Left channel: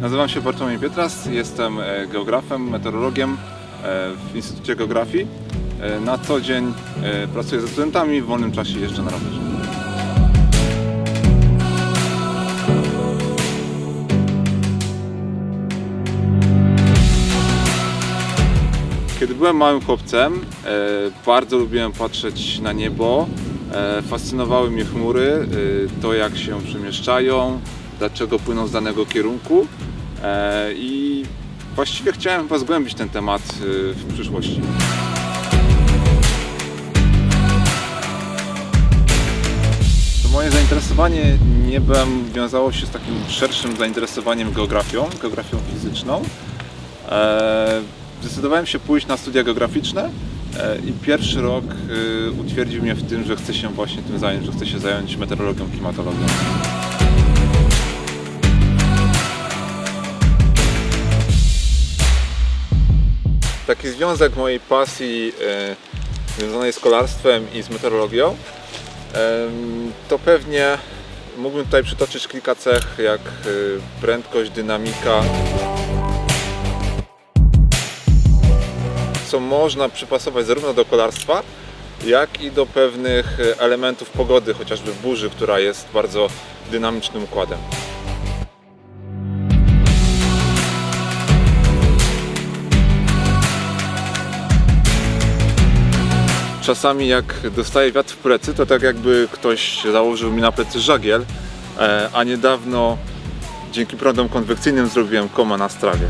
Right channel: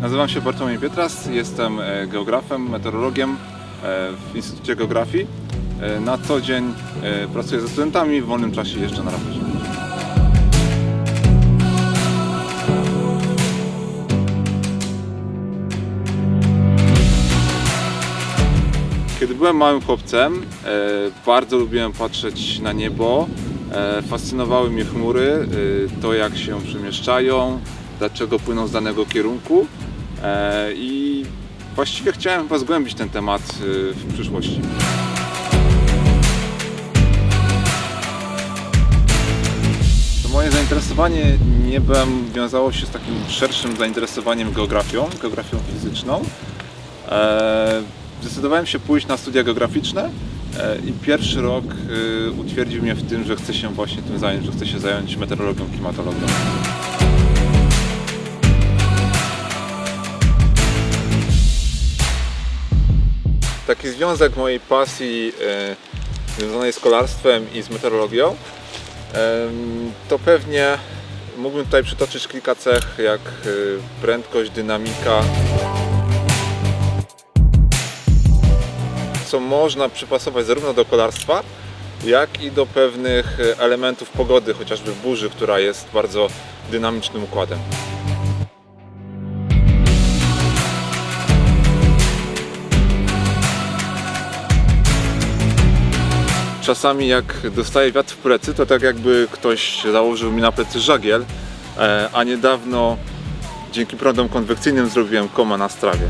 Nazywam się Bartłomiej Pietras, jestem e, geografem, meteorologiem e, w Instytucie Geografii. E, Na co dzień pracuję ze studentami, w wolnym czasie jeżdżę na rowerze. Kiedy byłem małym chłopcem, bardzo lubiłem patrzeć na niebo. Fascynowały mnie chmury, to jak się przemieszczają, dlaczego płyną z danego kierunku. E, I właściwie chciałem chyba zgłębić ten temat e, w przyszłości. To moje zainteresowanie niebem wiązało się z takim szerszym zainteresowaniem geografią, geografią fizyczną. E, Zdecydowałem się pójść na studia geograficzne i pierwszy rok utwierdził mnie w tym, że chcę się właśnie tym zająć, że chcę się zająć meteorologią, klimatologią. Taki związek mojej pasji e, związanej z kolarstwem i z meteorologią to pewnie mógłbym tutaj przytoczyć kilka cech jak e, prędkość, dynamika, co można przypasować zarówno do kolarstwa, jak i do pewnych e, elementów pogody, chociażby burzy, która jest bardzo dynamicznym układem. Czasami jak dostaję wiatr w plecy, to tak jakby ktoś założył mi na plecy żagiel, e, a niedawno dzięki prądom konwekcyjnym zrobiłem koma na strawie.